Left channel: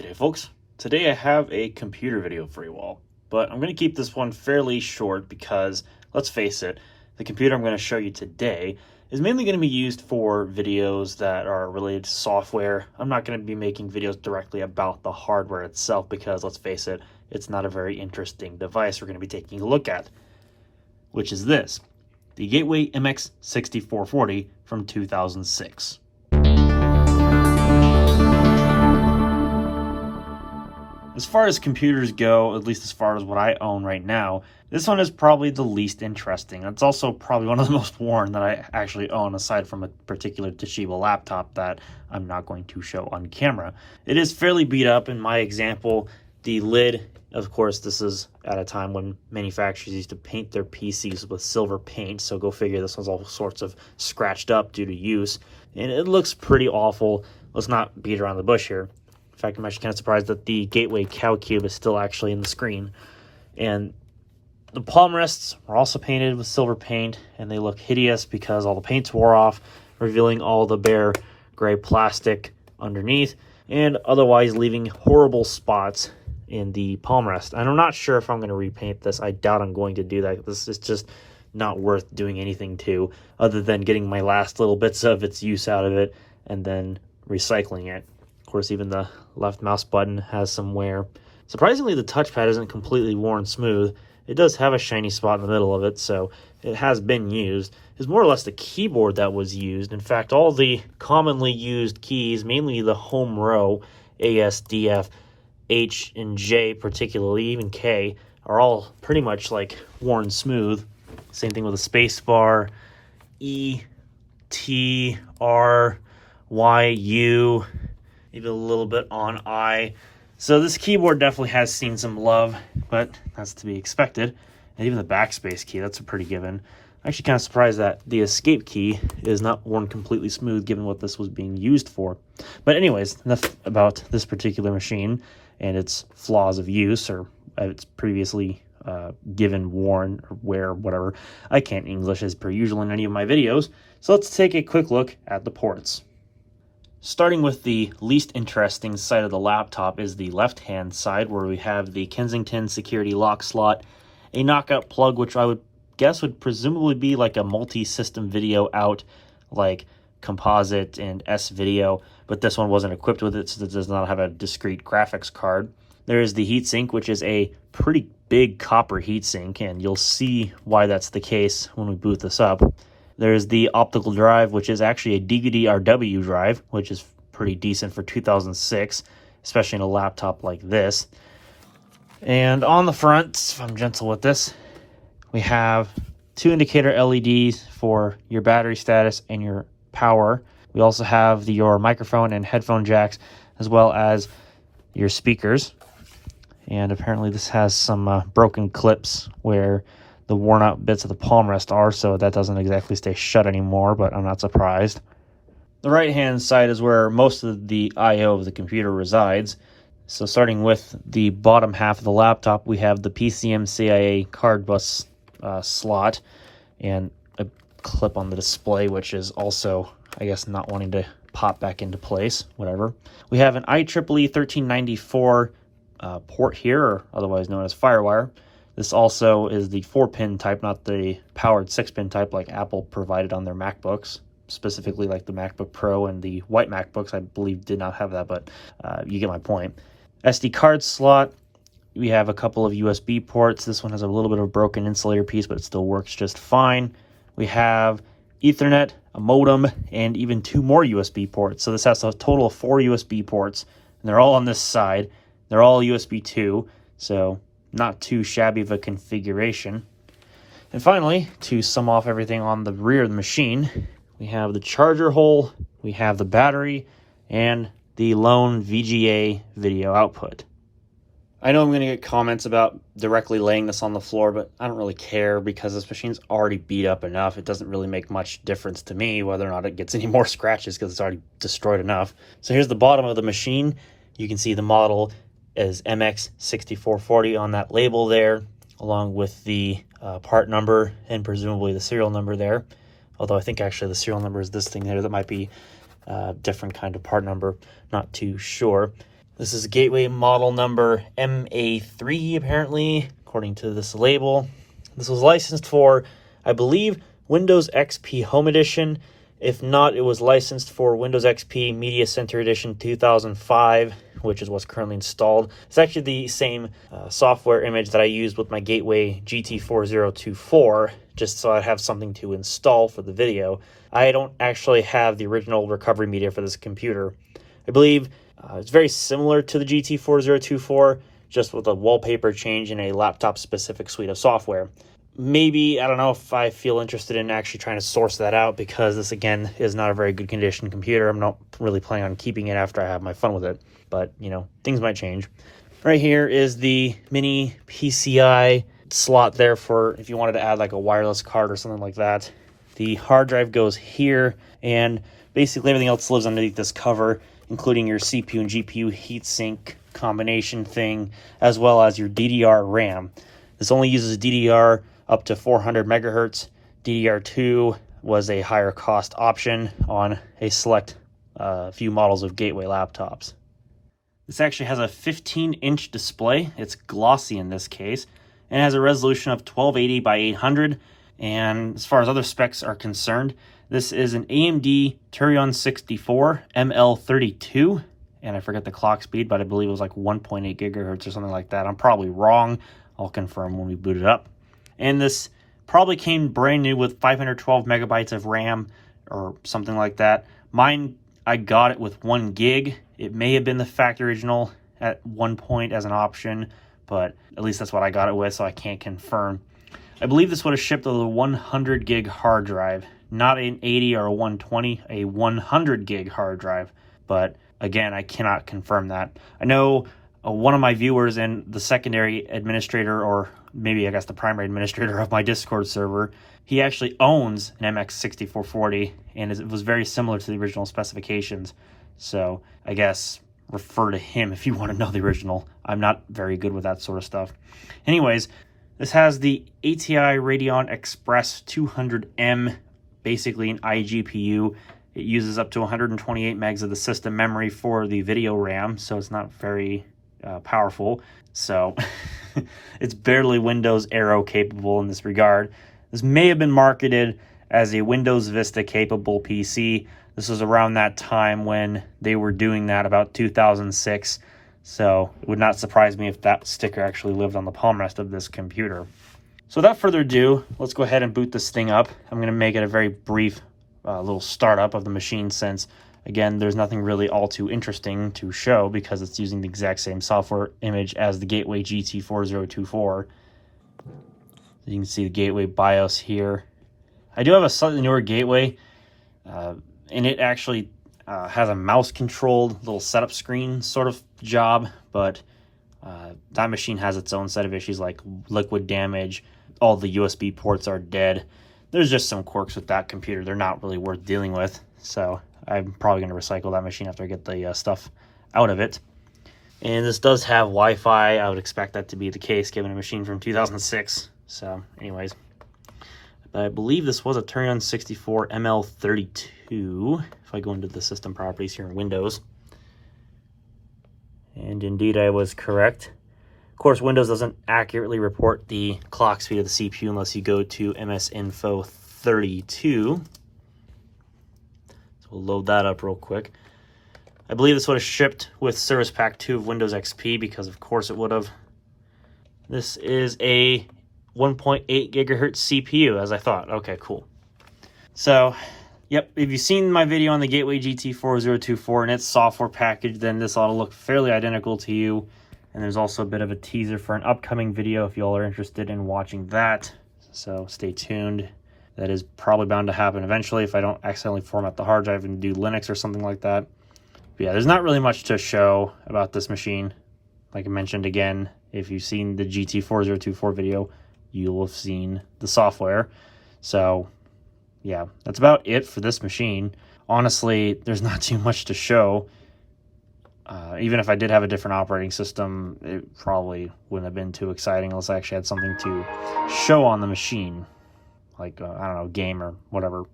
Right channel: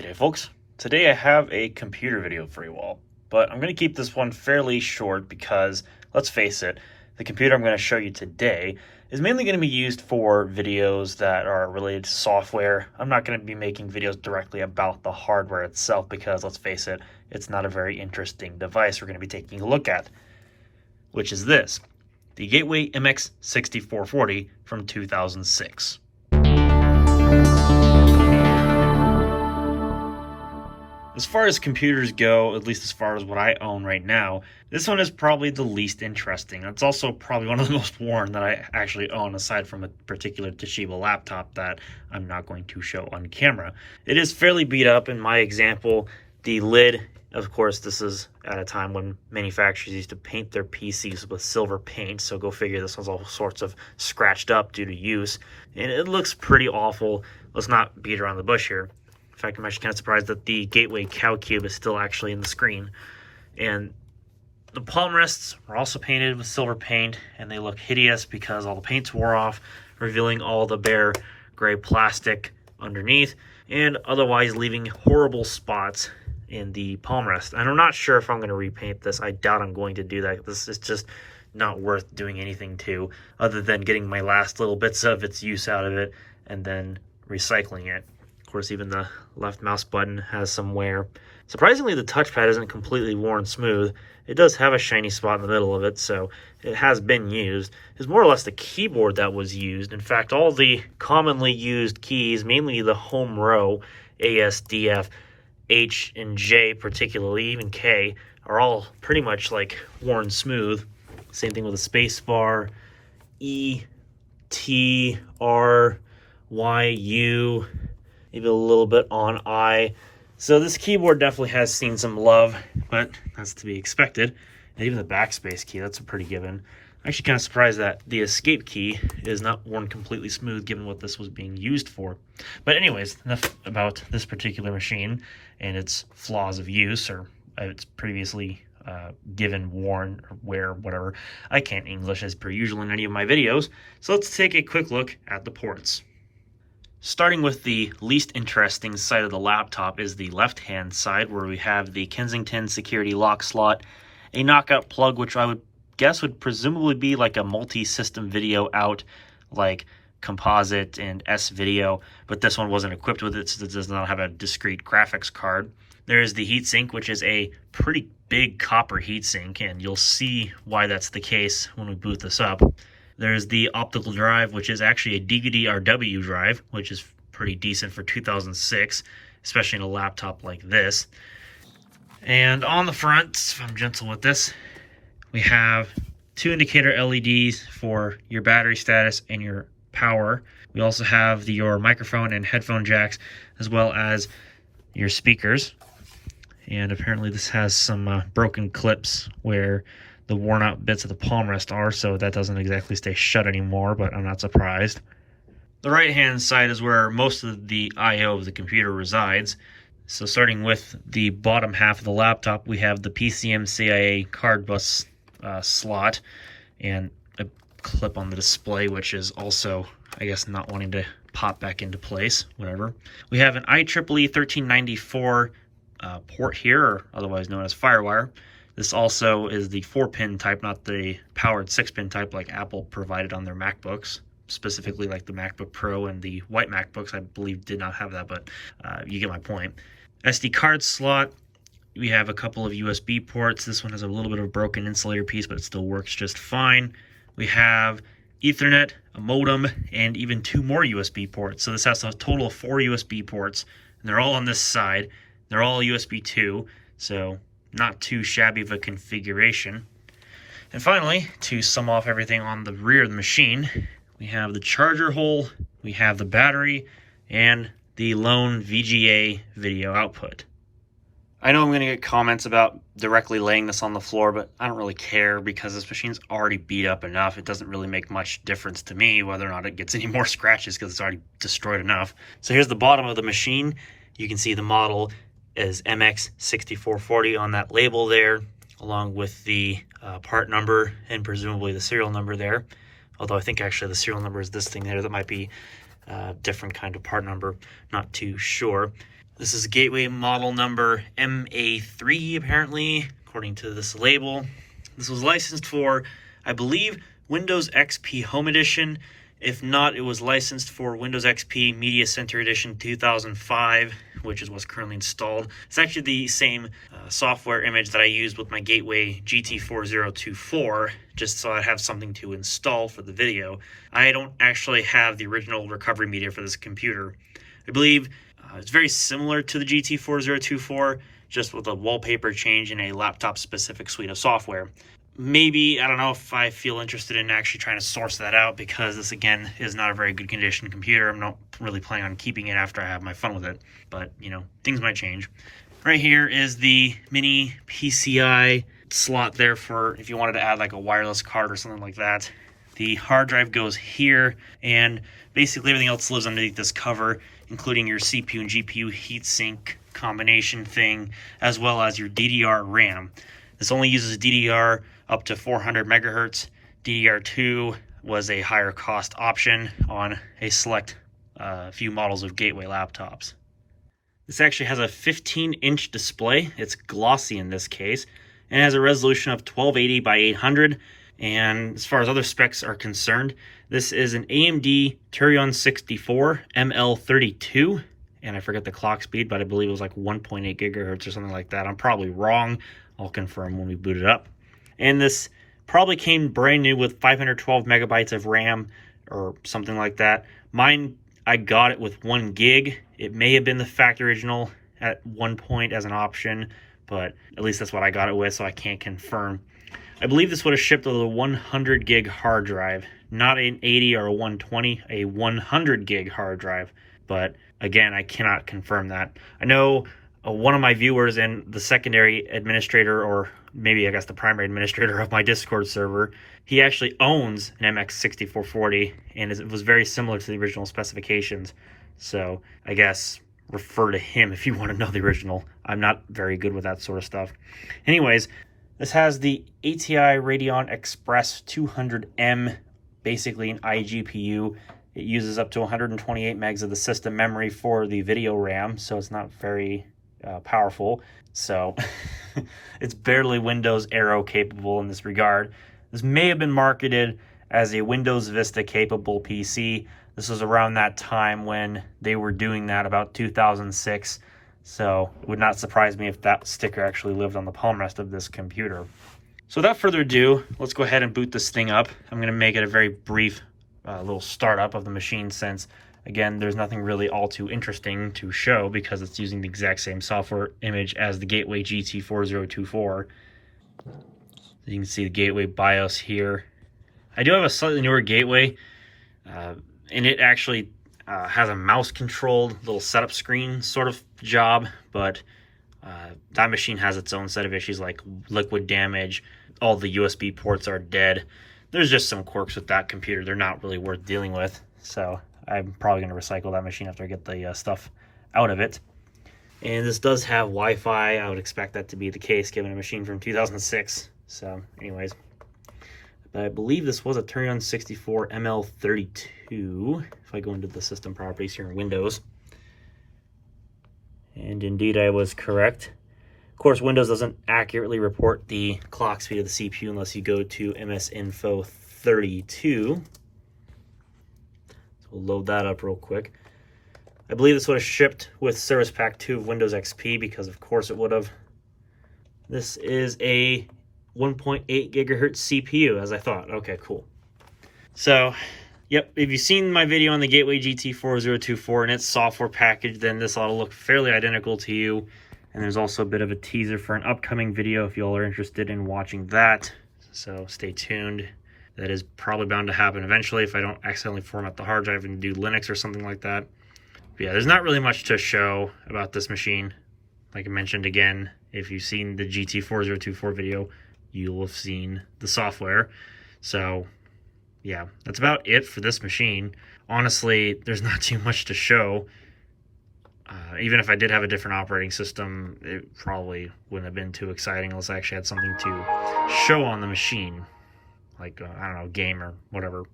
G'day folks, today I have a computer video for you all, but I'm going to keep this one fairly short because, let's face it, the computer I'm going to show you today is mainly going to be used for videos that are related to software. I'm not going to be making videos directly about the hardware itself because, let's face it, it's not a very interesting device we're going to be taking a look at, which is this, the Gateway MX6440 from 2006. As far as computers go, at least as far as what I own right now, this one is probably the least interesting. It's also probably one of the most worn that I actually own, aside from a particular Toshiba laptop that I'm not going to show on camera. It is fairly beat up. In my example, the lid, of course, this is at a time when manufacturers used to paint their PCs with silver paint, so go figure this one's all sorts of scratched up due to use. And it looks pretty awful. Let's not beat around the bush here. In fact, I'm actually kind of surprised that the Gateway cow cube is still actually in the screen. And the palm rests are also painted with silver paint, and they look hideous because all the paint's wore off, revealing all the bare gray plastic underneath, and otherwise leaving horrible spots in the palm rest. And I'm not sure if I'm going to repaint this. I doubt I'm going to do that. This is just not worth doing anything to, other than getting my last little bits of its use out of it and then recycling it. Of course, even the left mouse button has some wear. Surprisingly, the touchpad isn't completely worn smooth. It does have a shiny spot in the middle of it, so it has been used. It's more or less the keyboard that was used. In fact, all the commonly used keys, mainly the home row, A, S, D, F, H, and J particularly, even K, are all pretty much like worn smooth. Same thing with the space bar, E, T, R, Y, U, maybe a little bit on I. So this keyboard definitely has seen some love, but that's to be expected. And even the backspace key, that's a pretty given. I'm actually kind of surprised that the escape key is not worn completely smooth given what this was being used for. But anyways, enough about this particular machine and its flaws of use, or its previously given, worn, or wear, whatever. I can't English as per usual in any of my videos, so let's take a quick look at the ports. Starting with the least interesting side of the laptop is the left-hand side, where we have the Kensington security lock slot, a knockout plug, which I would guess would presumably be like a multi-system video out, like Composite and S-Video, but this one wasn't equipped with it, so it does not have a discrete graphics card. There is the heatsink, which is a pretty big copper heatsink, and you'll see why that's the case when we boot this up. There's the optical drive, which is actually a DVD-RW drive, which is pretty decent for 2006, especially in a laptop like this. And on the front, if I'm gentle with this, we have two indicator LEDs for your battery status and your power. We also have your microphone and headphone jacks, as well as your speakers. And apparently this has some broken clips where the worn out bits of the palm rest are, so that doesn't exactly stay shut anymore, but I'm not surprised. The right hand side is where most of the I/O of the computer resides. So starting with the bottom half of the laptop, we have the PCM-CIA card bus slot and a clip on the display, which is also, I guess, not wanting to pop back into place, whatever. We have an IEEE 1394 port here, or otherwise known as FireWire. This also is the 4-pin type, not the powered 6-pin type like Apple provided on their MacBooks, specifically like the MacBook Pro and the white MacBooks, I believe, did not have that, but you get my point. SD card slot, we have a couple of USB ports. This one has a little bit of a broken insulator piece, but it still works just fine. We have Ethernet, a modem, and even 2 more USB ports. So this has a total of 4 USB ports, and they're all on this side. They're all USB 2, so not too shabby of a configuration. And finally, to sum off everything on the rear of the machine, we have the charger hole, we have the battery, and the lone VGA video output. I know I'm going to get comments about directly laying this on the floor, but I don't really care because this machine's already beat up enough. It doesn't really make much difference to me whether or not it gets any more scratches because it's already destroyed enough. So here's the bottom of the machine. You can see the model is MX6440 on that label there, along with the part number and presumably the serial number there. Although I think actually the serial number is this thing there. That might be a different kind of part number, not too sure. This is Gateway model number MA3, apparently, according to this label. This was licensed for, I believe, Windows XP Home Edition. If not, it was licensed for Windows XP Media Center Edition 2005, which is what's currently installed. It's actually the same software image that I used with my Gateway GT4024, just so I have something to install for the video. I don't actually have the original recovery media for this computer. I believe it's very similar to the GT4024, just with a wallpaper change and a laptop-specific suite of software. Maybe, I don't know if I feel interested in actually trying to source that out, because this, again, is not a very good condition computer. I'm not really planning on keeping it after I have my fun with it. But, you know, things might change. Right here is the mini PCI slot there for if you wanted to add like a wireless card or something like that. The hard drive goes here, and basically everything else lives underneath this cover, including your CPU and GPU heatsink combination thing, as well as your DDR RAM. This only uses DDR up to 400 megahertz. DDR2 was a higher cost option on a select few models of Gateway laptops. This actually has a 15-inch display. It's glossy in this case, and has a resolution of 1280 by 800. And as far as other specs are concerned, this is an AMD Radeon 64 ML32, and I forget the clock speed, but I believe it was like 1.8 gigahertz or something like that. I'm probably wrong. I'll confirm when we boot it up. And this probably came brand new with 512 megabytes of RAM or something like that. Mine, I got it with 1 gig. It may have been the factory original at one point as an option, but at least that's what I got it with, so I can't confirm. I believe this would have shipped with a 100 gig hard drive, not an 80 or a 120, a 100 gig hard drive. But again, I cannot confirm that. I know one of my viewers and the secondary administrator, or maybe I guess the primary administrator of my Discord server, he actually owns an MX6440, and it was very similar to the original specifications. So I guess refer to him if you want to know the original. I'm not very good with that sort of stuff. Anyways, this has the ATI Radeon Express 200M, basically an iGPU. It uses up to 128 megs of the system memory for the video RAM, so it's not very powerful. So it's barely Windows Aero capable in this regard. This may have been marketed as a Windows Vista capable PC. This was around that time when they were doing that, about 2006. So it would not surprise me if that sticker actually lived on the palm rest of this computer. So without further ado, let's go ahead and boot this thing up. I'm going to make it a very brief little startup of the machine, since again, there's nothing really all too interesting to show because it's using the exact same software image as the Gateway GT4024. So you can see the Gateway BIOS here. I do have a slightly newer Gateway, and it actually has a mouse-controlled little setup screen sort of job, but that machine has its own set of issues like liquid damage. All the USB ports are dead. There's just some quirks with that computer. They're not really worth dealing with, so I'm probably going to recycle that machine after I get the stuff out of it. And this does have Wi-Fi. I would expect that to be the case given a machine from 2006. So anyways, but I believe this was a Radeon 64 ML32 if I go into the system properties here in Windows. And indeed I was correct. Of course, Windows doesn't accurately report the clock speed of the CPU unless you go to MS-Info 32. So we'll load that up real quick. I believe this would have shipped with Service Pack 2 of Windows XP, because of course it would have. This is a 1.8 gigahertz CPU, as I thought. Okay, cool. So, yep, if you've seen my video on the Gateway GT4024 and its software package, then this ought to look fairly identical to you. And there's also a bit of a teaser for an upcoming video if you all are interested in watching that. So stay tuned. That is probably bound to happen eventually if I don't accidentally format the hard drive and do Linux or something like that. But yeah, there's not really much to show about this machine. Like I mentioned again, if you've seen the GT4024 video, you'll have seen the software. So yeah, that's about it for this machine. Honestly, there's not too much to show. Even if I did have a different operating system, it probably wouldn't have been too exciting unless I actually had something to show on the machine. Like, I don't know, game or whatever.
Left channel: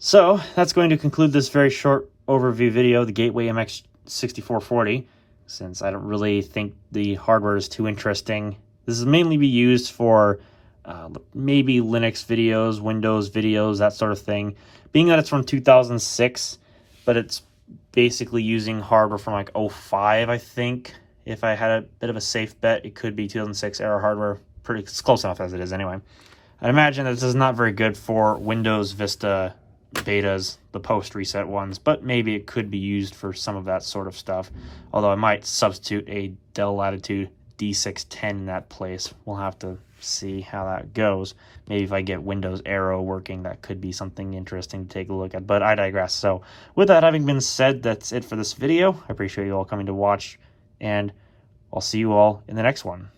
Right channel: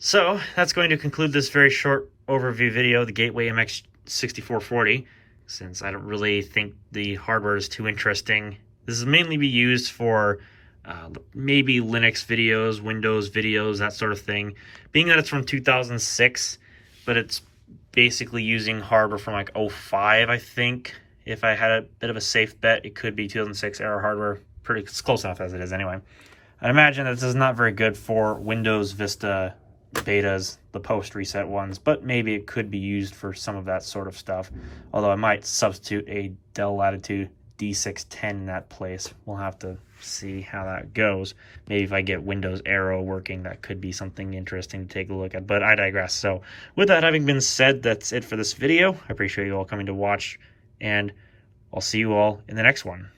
So, that's going to conclude this very short overview video of the Gateway MX6440. since I don't really think the hardware is too interesting. This is mainly be used for maybe Linux videos, Windows videos, that sort of thing. Being that it's from 2006, but it's basically using hardware from like 05, I think. If I had a bit of a safe bet, it could be 2006 era hardware. It's close enough as it is anyway. I'd imagine this is not very good for Windows Vista betas, the post-reset ones, but maybe it could be used for some of that sort of stuff. Although I might substitute a Dell Latitude D610 in that place. We'll have to see how that goes. Maybe if I get Windows Aero working, that could be something interesting to take a look at, but I digress. So with that having been said, that's it for this video. I appreciate you all coming to watch, and I'll see you all in the next one.